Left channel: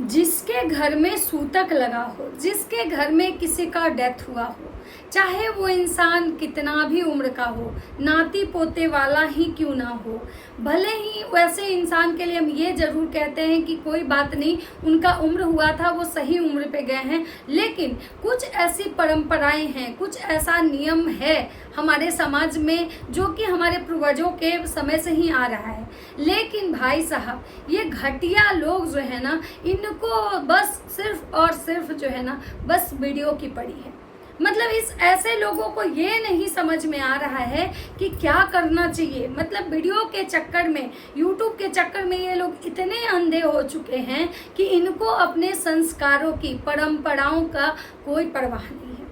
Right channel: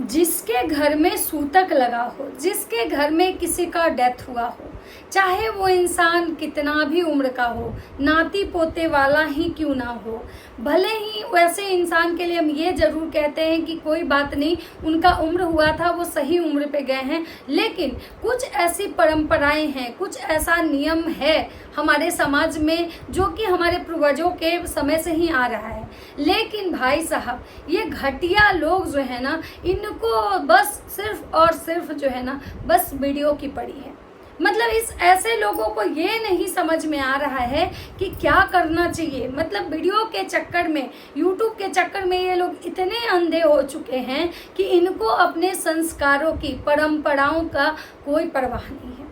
जिसके घर में सूतक लगा हो, जिसके घर में किसी का डेथ हुआ हो, चाहे वो इंसान कितना भी उम्र का हो, नाती पोते वाला ही क्यों ना हो, भले ही वैसे इंसान के लिए हम ये जरूर कहते हैं कि कोई बात नहीं, उनका उम्र हुआ था, वो सही उम्र पे गए हैं, लेकिन कुछ ऐसी परंपराएं हैं, कुछ ऐसा नियम है हमारे समाज में जो कि हमारे पूर्वजों के समय से ही आ रहा है। लेकिन भाई साहब, ये घटिया लोग जो है ना, इनको बस सिर्फ और सिर्फ जो है ना, बस वीडियो की पड़ी है। मतलब इस ऐसे लोगों को ये नहीं समझ में आ रहा है कि क्या करना चाहिए। मतलब वीडियो के चक्कर में, यूट्यूब के चक्कर में ये लोग इतने अंधे हो चुके हैं कि इनको अपने संस्कारों की, परंपराओं का कोई परवाह नहीं है।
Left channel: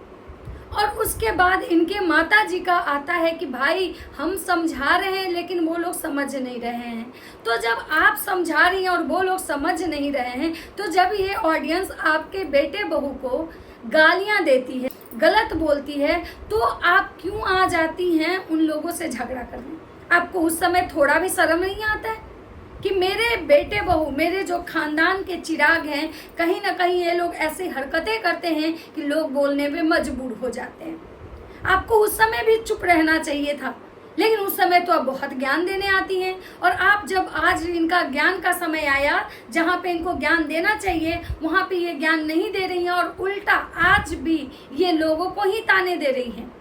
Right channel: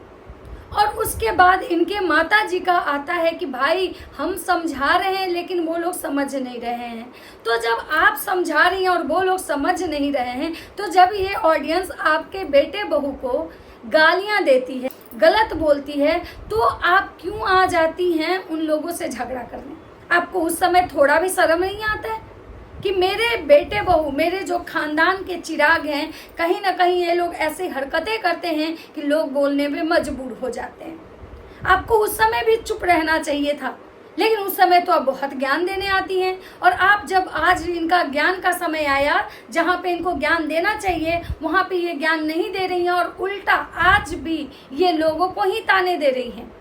और उसके बाद इनके माता जी का आता है कि भाई हम समझा रहे हैं लेकिन वो लोग समझ नहीं रहे हैं। तो जब आप समझा रही हैं और वो लोग समझ नहीं रहे हैं, तो जब ये ऑडियंस आपके बेटे बहू को गालियां देती है, गलत बोलती है, तो आप क्यों आ जाती हैं उन लोगों से झगड़ा करने? आपको उस समय थोड़ा भी शर्म नहीं आता है कि मेरे बेटे बहू, मेरे जो खानदान के चिराग हैं, कहीं ना कहीं ये लोग ऐसी हरकतें करते हैं कि लोग बोलने में मजबूर हो जाते हैं। आपको उस समय भी चुप रहना चाहिए था, लेकिन उस समय तो आप बहुत ज्ञान देने आती हैं। और आप जब आज इनका ज्ञान का समय आया, जहाँ पे इनको ज्ञान देना चाहिए, वहाँ पे ये ज्ञान नहीं दे रही हैं और उल्टा आज भी ये लोगों को ही ताने दे रही हैं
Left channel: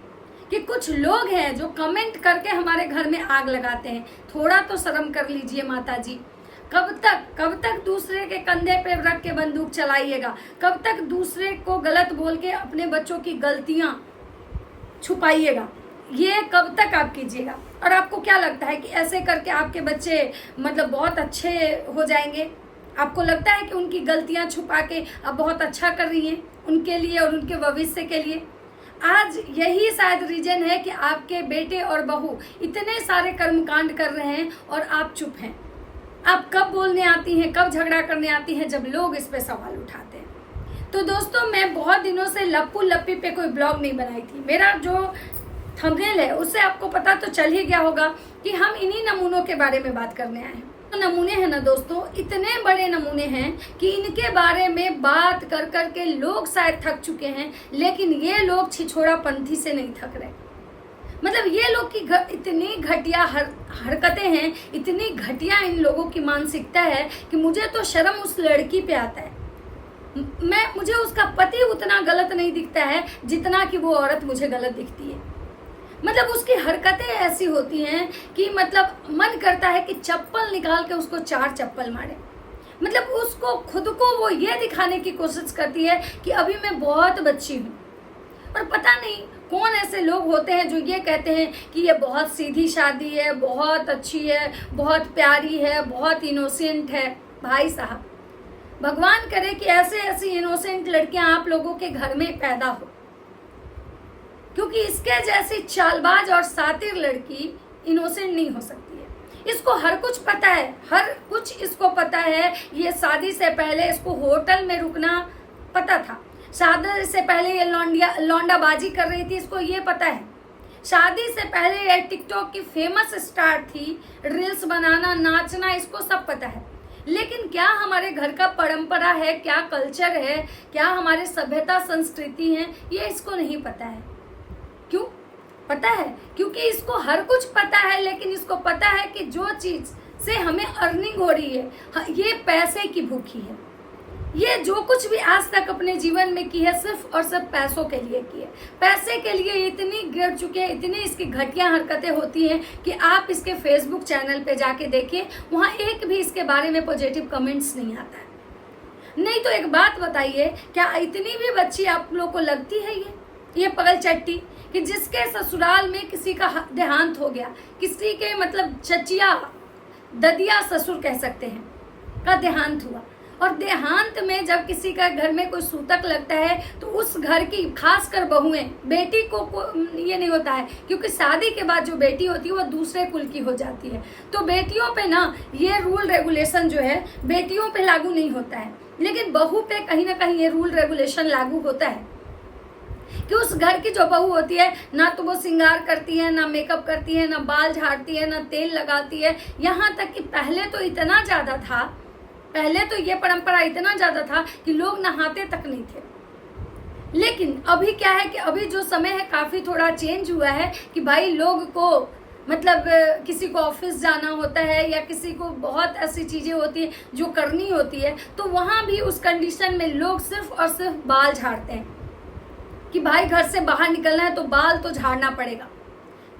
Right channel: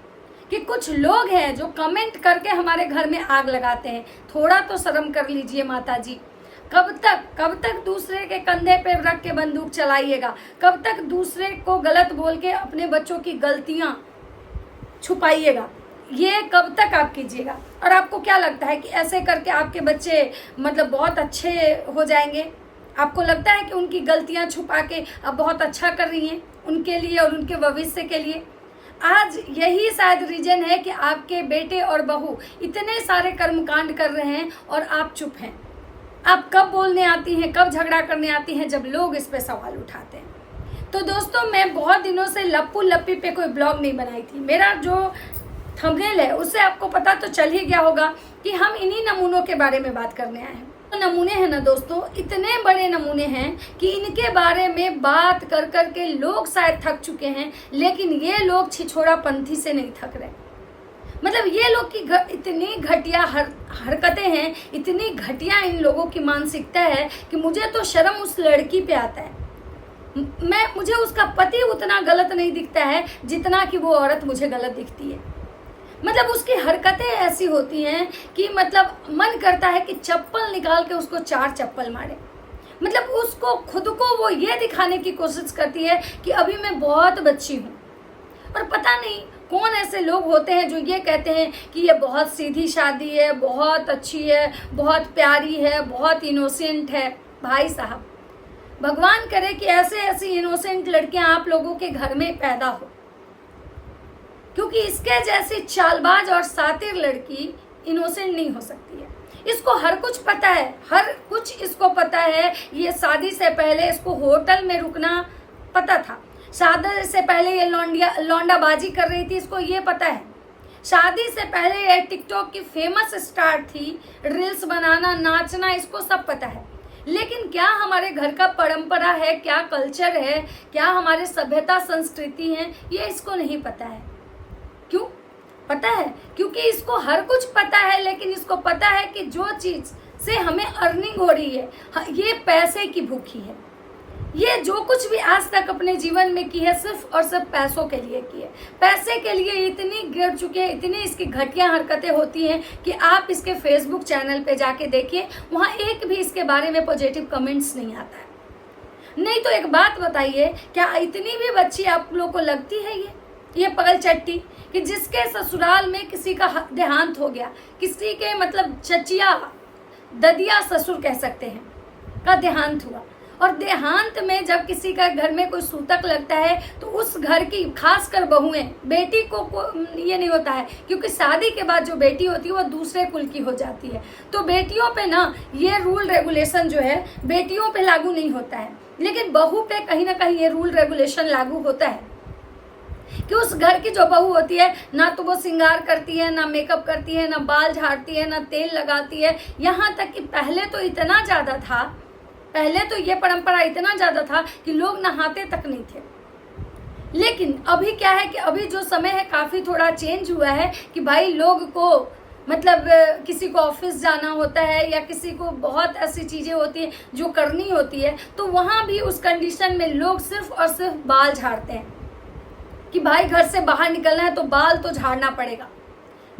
कि कुछ लोग हैं जो कमेंट करके हमारे घर में आग लगाते हैं। थोड़ा तो शर्म कर लीजिए माता जी। कब तक दूसरे के कंधे पे रख के बंदूक चलाइएगा? कब तक दूसरे को गलत बोल के अपने बच्चों की गलतियां छुपाइएगा? ये कब तक आप कीजिएगा? और आपको क्या लगता है कि ऐसे करके आपके बच्चे मतलब बहुत अच्छे हो जाएंगे? आपको लगता है कि उनकी गलतियां छुपा के आप बहुत अच्छा कर रही हैं उनके लिए और उनके भविष्य के लिए? आज यही शायद रीजन है कि आपके बेटे और बहू इतने सारे कर्मकांड कर रहे हैं और आप चुप हैं। आप कब बोलने आती हैं, कब झगड़ा करने आती हैं? जब लोग इस पे सवाल उठाते हैं। तो दोस्तों, मैं बहुत दिनों से लप्पू लप्पी पे कोई ब्लॉग नहीं बनाई थी। मेरा जो थंबनेल है उससे आपको पता तो चल ही गया होगा कि हम इन्हीं नमूनों के बारे में बात करने आए हैं। तो नमूने हैं ना दोस्तों, इतने बड़े नमूने हैं कि इनके बारे में बात कर कर के लोग शायद थक चुके हैं, लेकिन ये लोग छिछोड़ा पंथी से नहीं थक रहे। मतलब ये लोग की इतनी घटिया हरकतें हैं, इतनी घटिया इन लोगों की मानसिकता है कि मुझे तो शर्म उस लड़की पे आता है। मुझे उसका पति उतना गलत नहीं दिखता है जितना कि वो औरत मुझे गलत दिखती है। मतलब उसकी हरकतें ऐसी होती हैं कि मतलब मन करता है कि चप्पल निकाल के उसको 4 चप्पल मारे। मतलब उसको खुद को वो ये दिखाने की कोशिश करती है कि अभी मैं बहुत बच्ची हूँ। और पता नहीं कौन ऐसे लोग होते हैं जो ये कहते हैं कि ये बहुत सीधी शादी है, बहुत अच्छी है, बहुत प्यारी है, बहुत इनोसेंट है। भाई साहब, भगवान करे कि ऐसे ऐसी इनोसेंट लड़कियां आप लोगों के घर में पैदा हो, क्योंकि इसके जैसी चालबाज और सातिर लड़की इनोसेंट नहीं हो सकती है। इसको हर कुछ पता है, हर कुछ इसको पता है। ये शादी से पहले इसको होटल में रुकना पता था। शादी से पहले ये लौंडाबाजी कर रही थी, इसको ये पता है। शादी से पहले ये टिकटॉक की फेमस स्टार थी, रील्स बनाना, नाचना, इसको सब पता है। लेकिन क्या हमारे घर का परंपरा है, क्या कल्चर है, क्या हमारे सभ्यता संस्कृति है, ये इसको नहीं पता है। क्यों पता है? क्योंकि इसको हर कुछ पता है, लेकिन इसको पता है कि जो चीज से हमें अर्निंग हो रही है, ये पैसे की भूखी है। ये जो कुछ भी आज तक अपने जीवन में की है, सिर्फ और सिर्फ पैसों के लिए की है। पैसे के लिए इतनी गिर चुके हैं, इतनी इसकी घटिया हरकतें होती हैं कि आप इसके फेसबुक चैनल पे जाके देखिए, वहां एक भी इसके बारे में पॉजिटिव कमेंट्स नहीं आता है। नहीं तो एक बात बताइए, क्या इतनी भी बच्ची आप लोगों को लगती है ये पगल चट्टी कि जिसके ससुराल में किसी का देहांत हो गया, किसी के मतलब चचिया ददिया ससुर कह सकते हैं का देहांत हुआ, और देहांत में जब किसी का घर में कोई सूतक लगता है तो उस घर की खासकर बहुएं, बेटी को ये नहीं होता है, क्योंकि शादी के बाद जो बेटी होती है वो दूसरे कुल की हो जाती है। तो बेटियों पे ना ये रूल रेगुलेशन जो है बेटियों पे लागू नहीं होता है, लेकिन बहू पे कहीं ना कहीं ये रूल रेगुलेशन लागू होता है कि उस घर की जो बहू होती है ना तो वो श्रृंगार करती है, ना मेकअप करती है, ना बाल झाड़ती है, ना तेल लगाती है। यहाँ तक कि पहले तो इतना ज्यादा था, पहले तो ये परंपरा इतना ज्यादा था कि लोग नहाते तक नहीं थे। लेकिन अभी क्या है कि अभी जो समय है काफी थोड़ा चेंज हुआ है कि भाई लोग को मतलब किसी को ऑफिस जाना होता है या किसी को बहुत ऐसी चीजें होती है जो करनी होती है, तो वहां भी उस कंडीशन में लोग सिर्फ और सिर्फ बाल झाड़ते हैं कि भाई घर से बाहर निकलना है तो बाल तो झाड़ना पड़ेगा।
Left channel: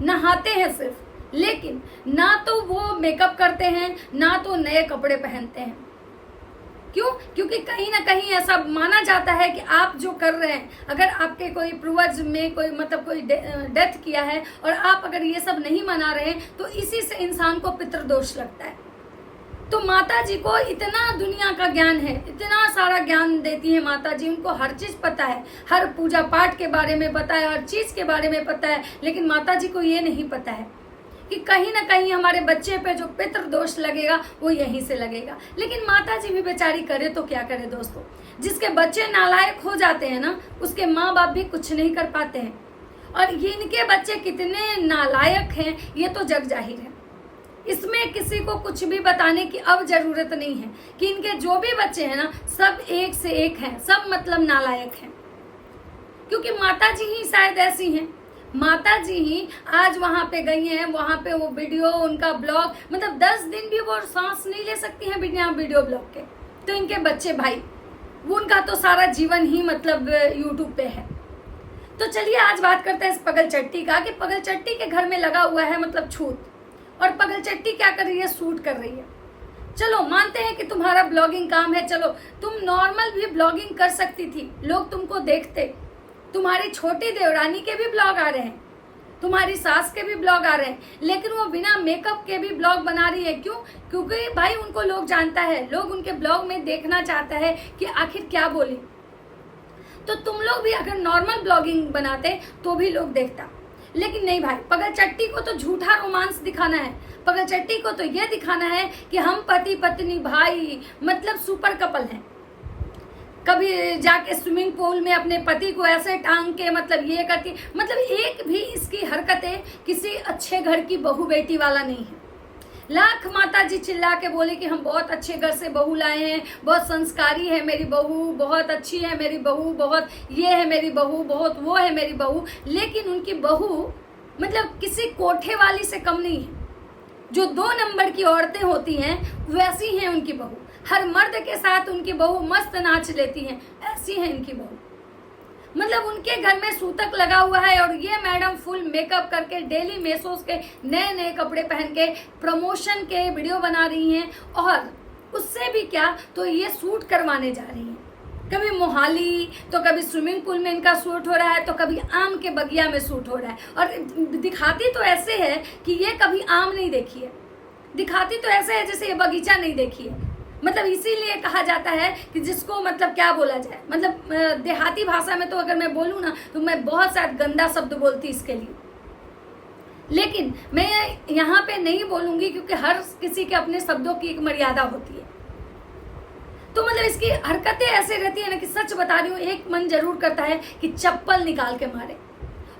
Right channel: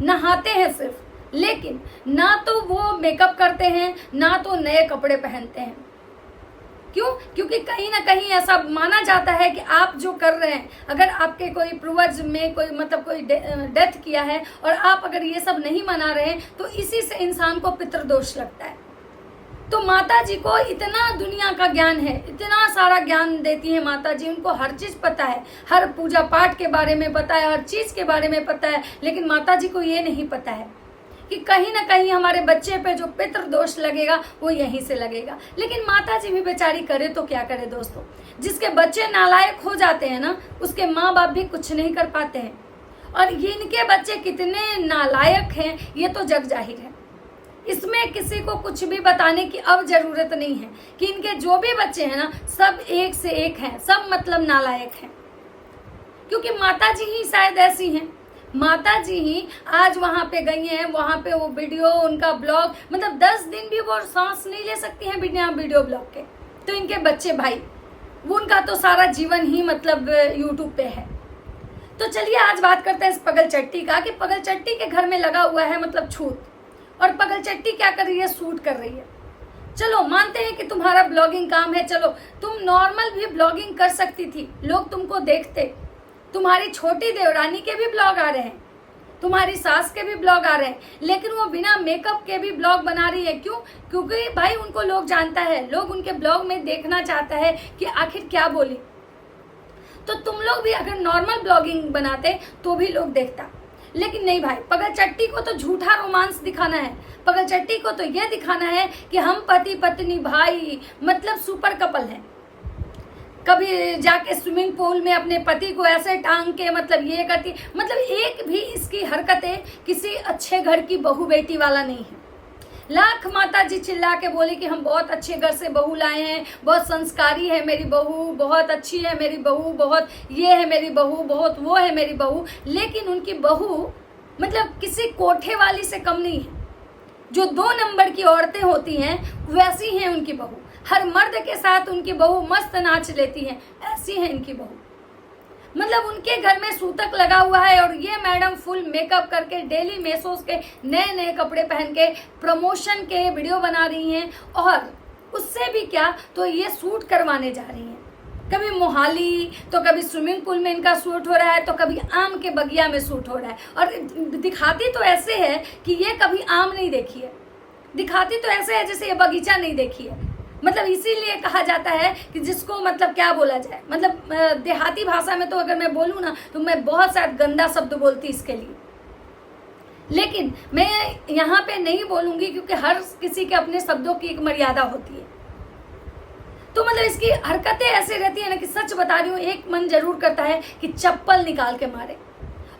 नहाते हैं सिर्फ, लेकिन ना तो वो मेकअप करते हैं ना तो नए कपड़े पहनते हैं। क्यों? क्योंकि कहीं ना कहीं ऐसा माना जाता है कि आप जो कर रहे हैं, अगर आपके कोई पूर्वज में कोई मतलब कोई डेथ किया है और आप अगर ये सब नहीं मना रहे हैं तो इसी से इंसान को पितृदोष लगता है। तो माता जी को इतना दुनिया का ज्ञान है, इतना सारा ज्ञान देती है माता जी, उनको हर चीज पता है, हर पूजा पाठ के बारे में पता है, हर चीज के बारे में पता है। लेकिन माता जी को ये नहीं पता है कि कहीं ना कहीं हमारे बच्चे पे जो पितृदोष लगेगा वो यहीं से लगेगा। लेकिन माता जी भी बेचारी करे तो क्या करे दोस्तों, जिसके बच्चे नालायक हो जाते हैं ना, उसके माँ बाप भी कुछ नहीं कर पाते हैं। और ये इनके बच्चे कितने नालायक हैं ये तो जग जाहिर है, इसमें किसी को कुछ भी बताने की अब जरूरत नहीं है कि इनके जो भी बच्चे हैं ना सब एक से एक हैं, सब मतलब नालायक हैं। क्योंकि माता जी ही शायद ऐसी हैं, माता जी ही आज वहां पे गई हैं, वहां पे वो वीडियो उनका ब्लॉग, मतलब 10 दिन भी वो सांस नहीं ले सकती हैं बिना वीडियो ब्लॉग के। तो इनके बच्चे भाई, वो उनका तो सारा जीवन ही मतलब यूट्यूब पे है। तो चलिए आज बात करते हैं इस पगल चट्टी का कि पगल चट्टी के घर में लगा हुआ है मतलब छूत, और पगल चट्टी क्या कर रही है, शूट कर रही है। चलो मानते हैं कि तुम्हारा ब्लॉगिंग काम है, चलो तुम नॉर्मल भी ब्लॉगिंग कर सकती थी, लोग तुमको देखते। तुम्हारी छोटी देवरानी के भी ब्लॉग आ रहे हैं, तुम्हारी सास के भी ब्लॉग आ रहे हैं, लेकिन वो बिना मेकअप के भी ब्लॉग बना रही है। क्यों? क्योंकि भाई उनको लोग जानता है, लोग उनके ब्लॉग में देखना चाहता है कि आखिर क्या बोली। तो तुम लोग भी अगर नॉर्मल ब्लॉगिंग बनाते तो भी लोग देखता, लेकिन नहीं भाई, पगल चट्टी को तो झूठा रोमांस दिखाना है। पगल चट्टी को तो यह दिखाना है कि हम पति पत्नी भाई मतलब सुपर कपल हैं। कभी जाके स्विमिंग पूल में अपने पति को ऐसे टांग के मतलब ये करती, मतलब एक भी इसकी हरकतें किसी अच्छे घर की बहू बेटी वाला नहीं है। लाख माता जी चिल्ला के बोले कि हम बहुत अच्छे घर से बहू लाए हैं, बहुत संस्कारी है मेरी बहू, बहुत अच्छी है मेरी बहू, बहुत ये है मेरी बहू, बहुत वो है मेरी बहू, लेकिन उनकी बहू मतलब किसी कोठे वाली से कम नहीं है। जो 2 नंबर की औरतें होती हैं वैसी हैं उनकी बहू, हर मर्द के साथ उनकी बहू मस्त नाच लेती हैं, ऐसी है इनकी बहू। मतलब उनके घर में सूतक लगा हुआ है और ये मैडम फुल मेकअप करके डेली मेसोस के नए नए कपड़े पहन के प्रमोशन के वीडियो बना रही हैं, और उससे भी क्या तो ये शूट करवाने जा रही हैं। कभी मोहाली तो कभी स्विमिंग पूल में इनका शूट हो रहा है, तो कभी आम के बगिया में शूट हो रहा है। और दिखाती तो ऐसे है कि ये कभी आम नहीं देखी है, दिखाती तो ऐसे है जैसे ये बगीचा नहीं देखी है। मतलब इसीलिए कहा जाता है कि जिसको मतलब क्या बोला जाए, मतलब देहाती भाषा में तो अगर मैं बोलूँ ना तो मैं बहुत सारा गंदा शब्द बोलती इसके लिए, लेकिन मैं यहाँ पे नहीं बोलूंगी क्योंकि हर किसी के अपने शब्दों की एक मर्यादा होती है। तो मतलब इसकी हरकतें ऐसे रहती है ना कि सच बता रही हूँ, एक मन जरूर करता है कि चप्पल निकाल के मारे।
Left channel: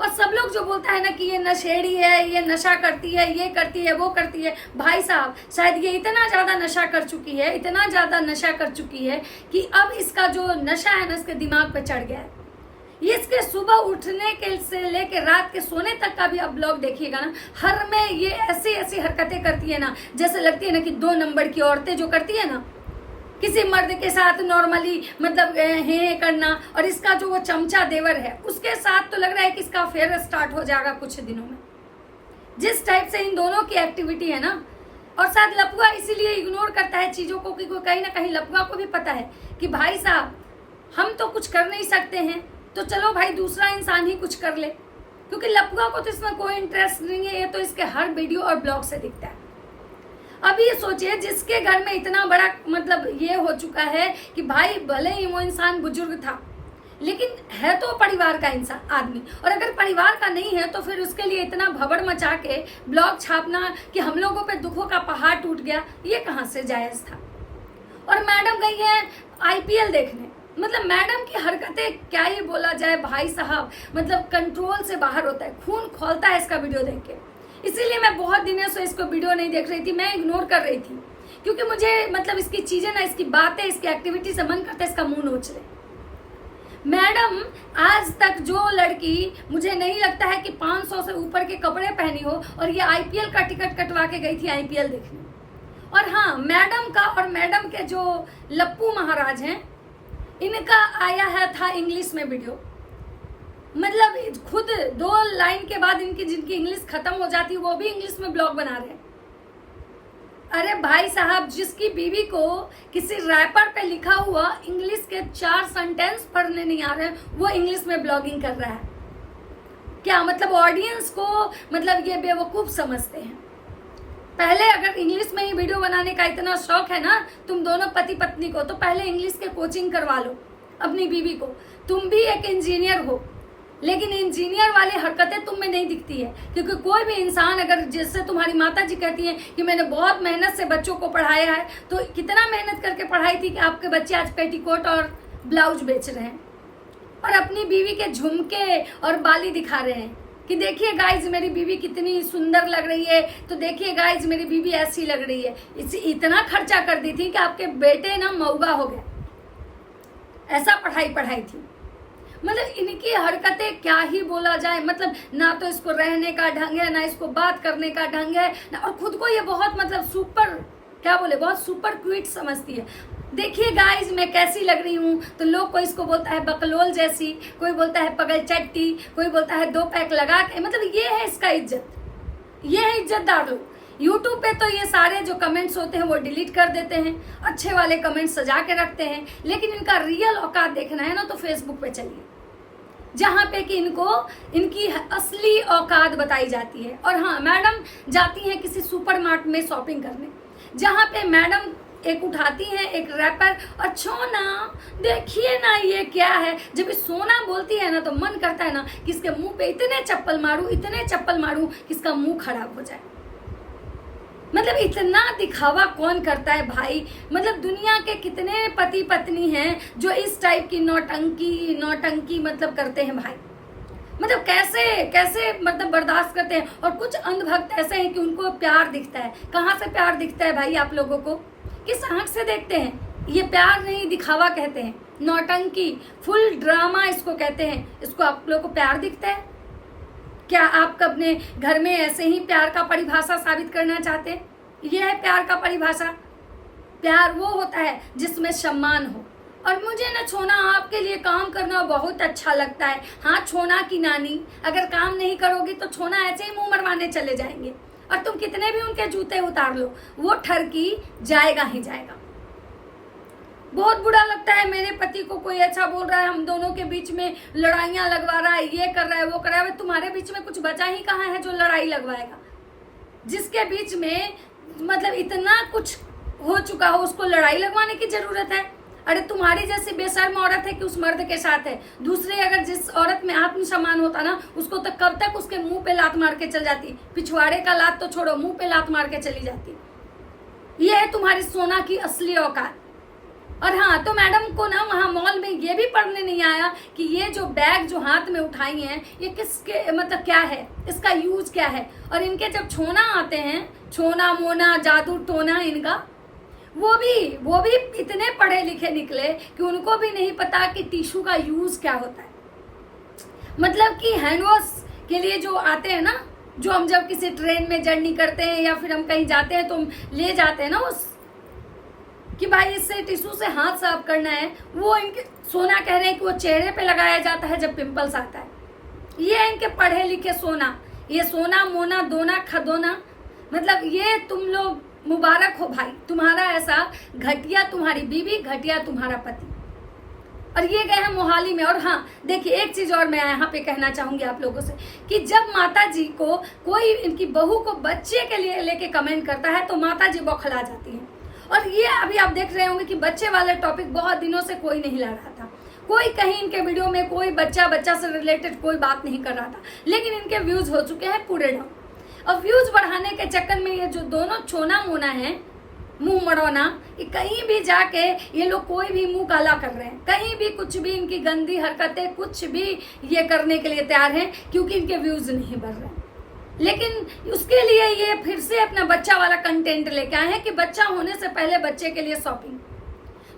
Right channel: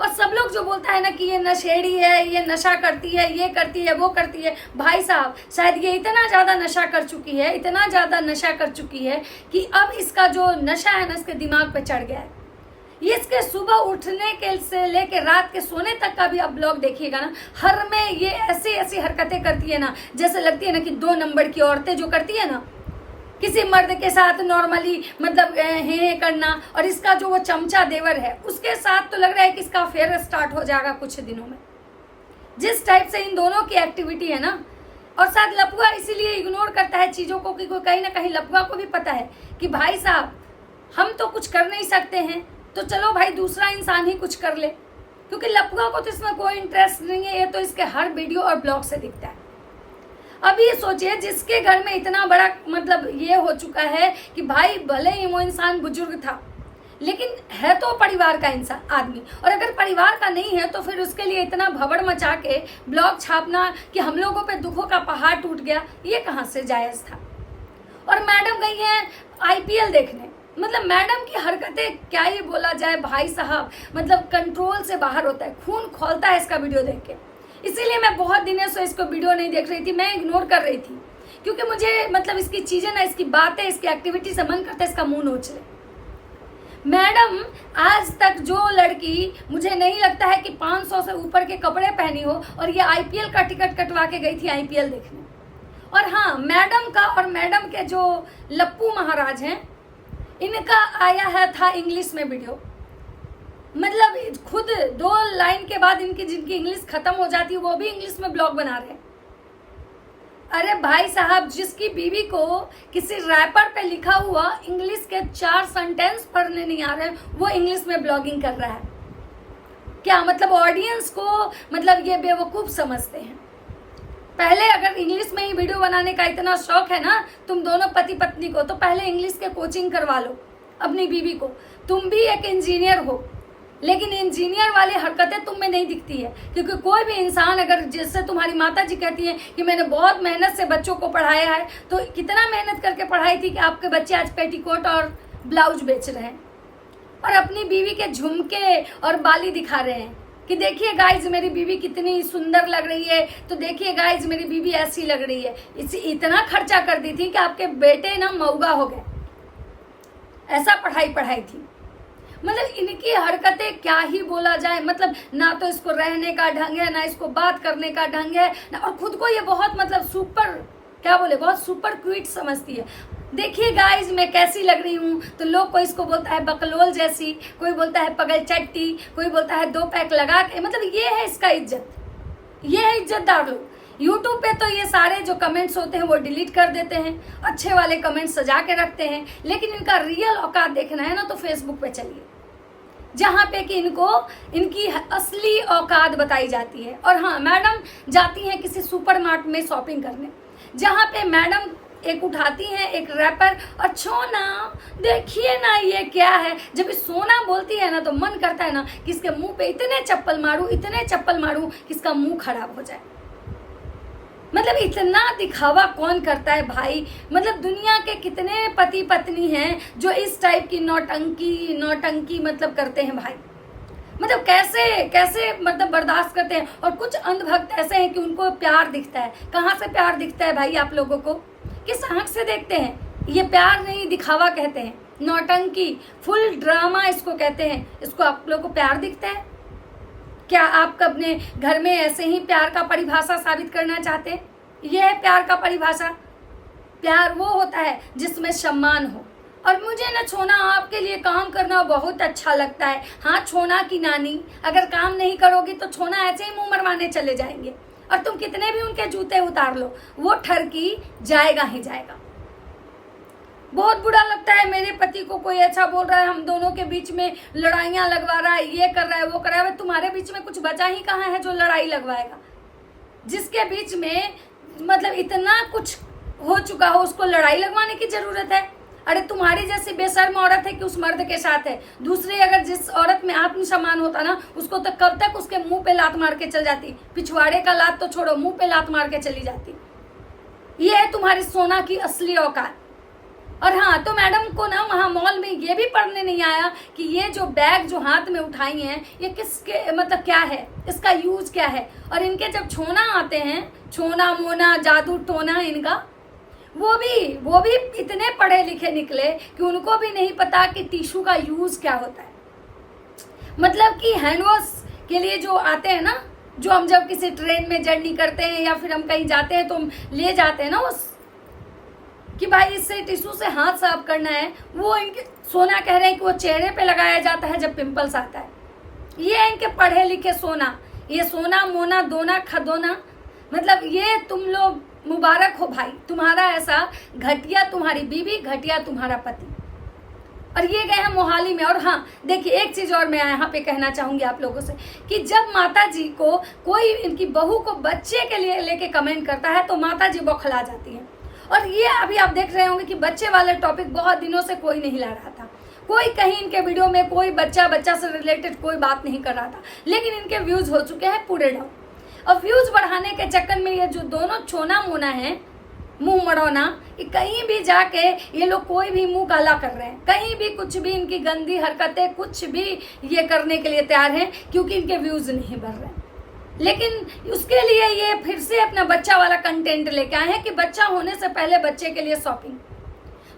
और सब लोग जो बोलता है ना कि ये नशेड़ी है, ये नशा करती है, ये करती है, वो करती है, भाई साहब शायद ये इतना ज्यादा नशा कर चुकी है, इतना ज्यादा नशा कर चुकी है कि अब इसका जो नशा है ना इसके दिमाग पे चढ़ गया है। ये इसके सुबह उठने के से लेके रात के सोने तक का भी आप ब्लॉग देखिएगा ना, हर में ये ऐसी ऐसी हरकतें करती है ना जैसे लगती है ना कि 2 नंबर की औरतें जो करती है ना किसी मर्द के साथ नॉर्मली मतलब हे करना, और इसका जो वो चमचा देवर है उसके साथ तो लग रहा है कि इसका अफेयर स्टार्ट हो जाएगा कुछ दिनों में, जिस टाइप से इन दोनों की एक्टिविटी है ना। और साथ लपुआ इसीलिए इग्नोर करता है चीजों को कि कहीं ना कहीं लपुआ को भी पता है कि भाई साहब हम तो कुछ कर नहीं सकते हैं, तो चलो भाई दूसरा इंसान ही कुछ कर ले, क्योंकि लपुआ को तो इसमें कोई इंटरेस्ट नहीं है, ये तो इसके हर वीडियो और ब्लॉग से दिखता है। अब ये सोचिए जिसके घर में इतना बड़ा मतलब ये हो चुका है कि भाई भले ही वो इंसान बुजुर्ग था लेकिन है तो परिवार का इंसान आदमी, और अगर परिवार का नहीं है तो फिर उसके लिए इतना भवड़ मचा के ब्लॉग छापना कि हम लोगों पे दुखों का पहाड़ टूट गया, ये कहाँ से जायज था। और मैडम गई है IPL देखने, मतलब मैडम की हरकतें क्या ही बोला जाए भाई साहब, मतलब कंट्रोल से बाहर होता है, खून खौलता है इसका वीडियो देख के। इसीलिए मैं बहुत दिनों से इसको वीडियो नहीं देख रही थी, मैं इग्नोर कर रही थी क्योंकि मुझे मतलब इसकी चीजें ना, इसकी बातें, इसकी एक्टिविटी से मन करता है इसका मुंह नोच ले। मैडम, आज तक जो लड़की, मुझे नहीं लगता है कि 500 से ऊपर के कपड़े पहनी हो, और ये आईपीएल का टिकट कटवा के गई थी आईपीएल देखने। और हाँ, मैडम का और मैडम के जो लप्पू महाराज हैं, इनका आया है था इंग्लिश में वीडियो। मतलब खुद 2 लाइन के बाद इनकी जिनकी इंग्लिश खत्म हो जाती है वो भी इंग्लिश में ब्लॉग बना रहे हैं। अरे भाई साहब, जिसकी बीवी को किसी रैपर पे लिखा हुआ इंग्लिश के 4 सेंटेंस पढ़ने नहीं आ रहे, वो इंग्लिश में ब्लॉगिंग कर रहा है। क्या मतलब ऑडियंस को मतलब ये बेवकूफ समझते हैं। पहले अगर इंग्लिश में ही वीडियो बनाने का इतना शौक है ना तुम दोनों पति पत्नी को, तो पहले इंग्लिश के कोचिंग करवा लो अपनी बीवी को। तुम भी एक इंजीनियर हो, लेकिन इंजीनियर वाली हरकतें तुम में नहीं दिखती है। क्योंकि कोई भी इंसान, अगर जैसे तुम्हारी माता जी कहती है कि मैंने बहुत मेहनत से बच्चों को पढ़ाया है, तो कितना मेहनत करके पढ़ाई थी कि आपके बच्चे आज पेटीकोट और ब्लाउज बेच रहे हैं और अपनी बीवी के झुमके और बाली दिखा रहे हैं कि देखिए गाइज मेरी बीवी कितनी सुंदर लग रही है, तो देखिए गाइज मेरी बीवी ऐसी लग रही है। इतना खर्चा कर दी थी कि आपके बेटे ना मऊगा हो गए, ऐसा पढ़ाई थी। मतलब इनकी हरकतें क्या ही बोला जाए। मतलब ना तो इसको रहने का ढंग है, ना इसको बात करने का ढंग है, और खुद को ये बहुत मतलब सुपर, क्या बोले, बहुत सुपर क्यूट समझती है। देखिए गाइज मैं कैसी लग रही हूँ, तो लोग कोई इसको बोलता है बकलोल जैसी, कोई बोलता है पगल चट्टी, कोई बोलता है 2 पैक लगा के। मतलब ये है इसका इज्जत, ये है इज्जतदार लोग। यूट्यूब पे तो ये सारे जो कमेंट्स होते हैं वो डिलीट कर देते हैं, अच्छे वाले कमेंट्स सजा के रखते हैं। लेकिन इनका रियल औकात देखना है ना तो फेसबुक पे चलिए, जहाँ पे कि इनको इनकी असली औकात बताई जाती है। और हाँ, मैडम जाती हैं किसी सुपरमार्ट में शॉपिंग करने, जहाँ पे मैडम एक उठाती हैं एक रैपर और सोना देखिए ना ये क्या है। जब सोना बोलती है ना तो मन करता है ना कि इसके मुंह पे इतने चप्पल मारूं कि इसका मुंह खराब हो जाए। मतलब इतना दिखावा कौन करता है भाई। मतलब दुनिया के कितने पति पत्नी हैं जो इस टाइप की नौटंकी मतलब करते हैं भाई। मतलब कैसे मतलब बर्दाश्त करते हैं। और कुछ अंधभक्त ऐसे हैं कि उनको प्यार दिखता है। कहाँ से प्यार दिखता है भाई आप लोगों को? किस आंख से देखते हैं? ये प्यार नहीं, दिखावा कहते हैं, नौटंकी, फुल ड्रामा इसको कहते हैं। इसको आप लोगों को प्यार दिखता है क्या? आप अपने घर में ऐसे ही प्यार का परिभाषा साबित करना चाहते हैं? यह है प्यार का परिभाषा। प्यार वो होता है जिसमें सम्मान हो। और मुझे ना छोना आपके लिए काम करना बहुत अच्छा लगता है। हाँ, छोना की नानी, अगर काम नहीं करोगी तो छोना ऐसे ही मुंह मरवाने चले जाएंगे और तुम कितने भी उनके जूते उतार लो, वो ठरकी जाएगा ही जाएगा। बहुत बुरा लगता है मेरे पति को कोई ऐसा बोल रहा है, हम दोनों के बीच में लड़ाइयां लगवा रहा है, ये कर रहा है, वो कर रहा है। तुम्हारे बीच में कुछ बचा ही कहाँ है जो लड़ाई लगवाएगा? जिसके बीच में मतलब इतना कुछ हो चुका हो उसको लड़ाई लगवाने की जरूरत है? अरे तुम्हारी जैसी बेशर्म औरत है कि उस मर्द के साथ है। दूसरे अगर जिस औरत में आत्मसम्मान होता ना, उसको तो कब तक उसके मुंह पे लात मार के चल जाती। पिछवाड़े का लात तो छोड़ो, मुंह पे लात मार के चली जाती। ये है तुम्हारी सोना की असली औकात। और हाँ, तो मैडम को ना वहाँ मॉल में ये भी पढ़ने नहीं आया कि ये जो बैग जो हाथ में उठाई हैं ये किसके मतलब क्या है, इसका यूज क्या है। और इनके जब छोना आते हैं, छोना मोना जादू टोना इनका, वो भी इतने पढ़े लिखे निकले कि उनको भी नहीं पता कि टिश्यू का यूज क्या होता है। मतलब कि हैंड वॉश के लिए जो आते हैं ना, जो हम जब किसी ट्रेन में जर्नी करते हैं या फिर हम कहीं जाते हैं तो हम ले जाते हैं ना उस कि भाई इससे टिश्यू से हाथ साफ करना है, वो इनके सोना कह रहे हैं कि वो चेहरे पे लगाया जाता है जब पिंपल्स आता है। ये है इनके पढ़े लिखे सोना। ये सोना मोना दोना खदोना, मतलब ये तुम लोग मुबारक हो भाई, तुम्हारा ऐसा घटिया तुम्हारी बीवी, घटिया तुम्हारा पति। और ये गए हैं मोहाली में। और हाँ देखिए, एक चीज और मैं यहाँ पे कहना चाहूंगी आप लोगों से कि जब माता जी को कोई इनकी बहू को बच्चे के लिए लेके कमेंट करता है तो माता जी बौखला जाती है। और ये अभी आप देख रहे होंगे कि बच्चे वाले टॉपिक बहुत दिनों से कोई नहीं ला रहा था। कोई कहीं इनके वीडियो में कोई बच्चा से रिलेटेड कोई बात नहीं कर रहा था, लेकिन इनके व्यूज हो चुके हैं पूरे डाउन। और व्यूज बढ़ाने के चक्कर में ये जो दोनों छोना मोना है, मुंह मड़ोना, कहीं भी जाके ये लोग कोई भी मुंह काला कर रहे हैं, कहीं भी कुछ भी इनकी गंदी हरकतें कुछ भी ये करने के लिए तैयार हैं, क्योंकि इनके व्यूज नहीं बढ़ रहे हैं। लेकिन उसके लिए ये फिर से अपना बच्चा वाला कंटेंट लेके आए हैं कि बच्चा होने से पहले बच्चे के लिए शॉपिंग।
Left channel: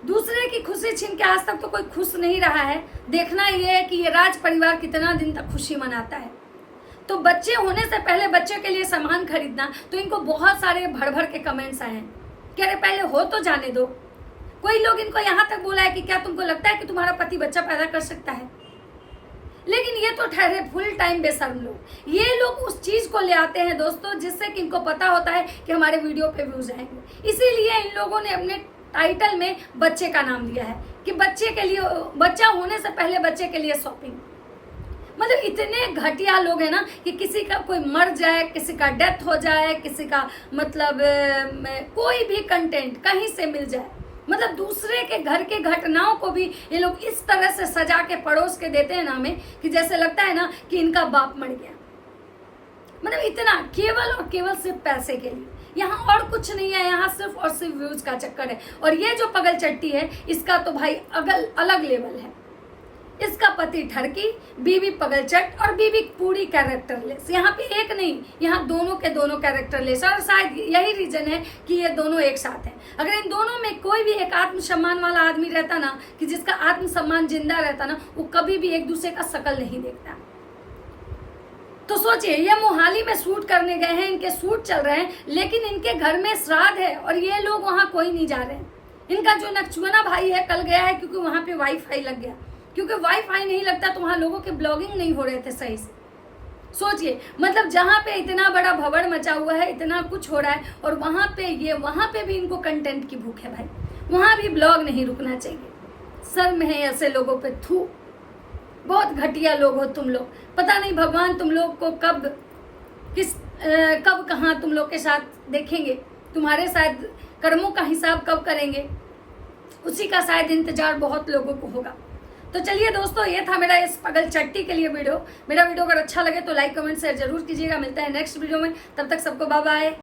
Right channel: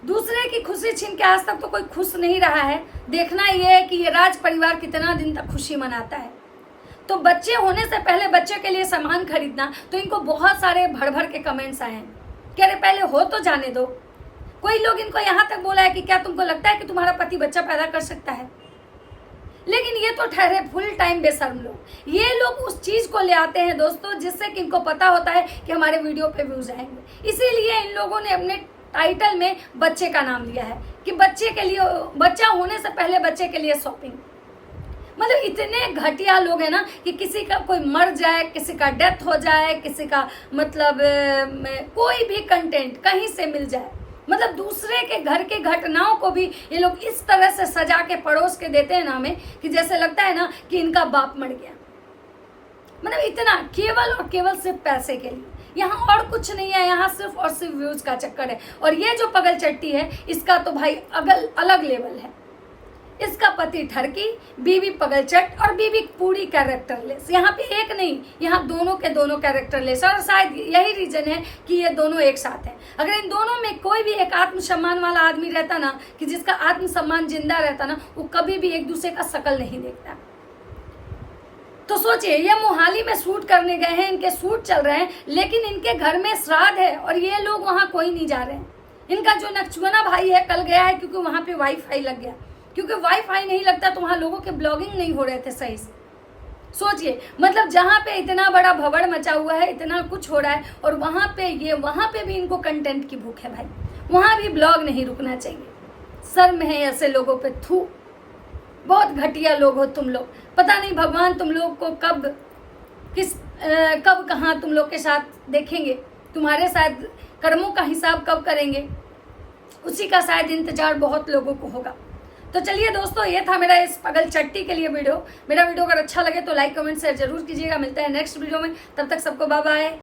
दूसरे की खुशी छीन के आज तक तो कोई खुश नहीं रहा है। देखना ये है कि ये राज परिवार कितना दिन तक खुशी मनाता है। तो बच्चे होने से पहले बच्चे के लिए सामान खरीदना, तो इनको बहुत सारे भर भर के कमेंट्स आए हैं कि अरे पहले हो तो जाने दो। कोई लोग इनको यहाँ तक बोला है कि क्या तुमको लगता है कि तुम्हारा पति बच्चा पैदा कर सकता है? लेकिन ये तो ठहरे फुल टाइम बेशर्म लोग। ये लोग उस चीज को ले आते हैं दोस्तों जिससे कि इनको पता होता है कि हमारे वीडियो पे व्यूज आएंगे। इसीलिए इन लोगों ने अपने टाइटल में बच्चे का नाम लिया है कि बच्चे के लिए, बच्चा होने से पहले बच्चे के लिए शॉपिंग। मतलब इतने घटिया लोग हैं ना कि किसी का कोई मर जाए, किसी का डेथ हो जाए, किसी का मतलब कोई भी कंटेंट कहीं से मिल जाए, मतलब दूसरे के घर के घटनाओं को भी ये लोग इस तरह से सजा के परोस के देते हैं ना हमें कि जैसे लगता है ना कि इनका बाप मर गया। मतलब इतना केवल और केवल सिर्फ पैसे के लिए, यहाँ और कुछ नहीं है, यहाँ सिर्फ और सिर्फ व्यूज का चक्कर है। और ये जो पगल चट्टी है इसका तो भाई अलग लेवल है। इसका पति ठरकी, बीवी पगलचट और बीवी पूरी कैरेक्टरलेस। यहाँ पे एक नहीं, यहाँ दोनों के दोनों कैरेक्टरलेस। और शायद यही रीजन है कि ये दोनों एक साथ हैं। अगर इन दोनों में कोई भी एक आत्मसम्मान वाला आदमी रहता ना, कि जिसका आत्मसम्मान जिंदा रहता ना, वो कभी भी एक दूसरे का शकल नहीं देखता। तो सोचिए, ये मोहाली में शूट करने गए हैं, इनके शूट चल रहे हैं, लेकिन इनके घर में श्राद्ध है और ये लोग वहां कोई नहीं जा रहे हैं। इनका जो नकचुआना भाई है कल गया है क्योंकि वहां पे वाईफाई लग गया। क्योंकि वाईफाई नहीं लगता तो वहां लोगों के ब्लॉगिंग नहीं हो रहे थे सही से। सोचिए, मतलब जहां पे इतना बड़ा भवड़ मचा हुआ है, इतना कुछ हो रहा है, और वहां पे भी इनको कंटेंट की भूख है भाई। वहां भी ब्लॉग नहीं रुकना चाहिए। शर्म है ऐसे लोगों पे, थू। बहुत घटिया लोग हो तुम लोग। पता नहीं भगवान तुम लोग को कब कहाँ तुम लोग के साथ देखेंगे, तुम्हारे शायद कर्मों का हिसाब कब करेंगे, उसी का शायद इंतजार बहुत लोगों को होगा। तो चलिए दोस्तों, ये था मेरा इस पगल चट्टी के लिए वीडियो। मेरा वीडियो अगर अच्छा लगे तो लाइक कमेंट शेयर जरूर कीजिएगा। मिलते हैं नेक्स्ट वीडियो में, तब तक सबको बाय बाय।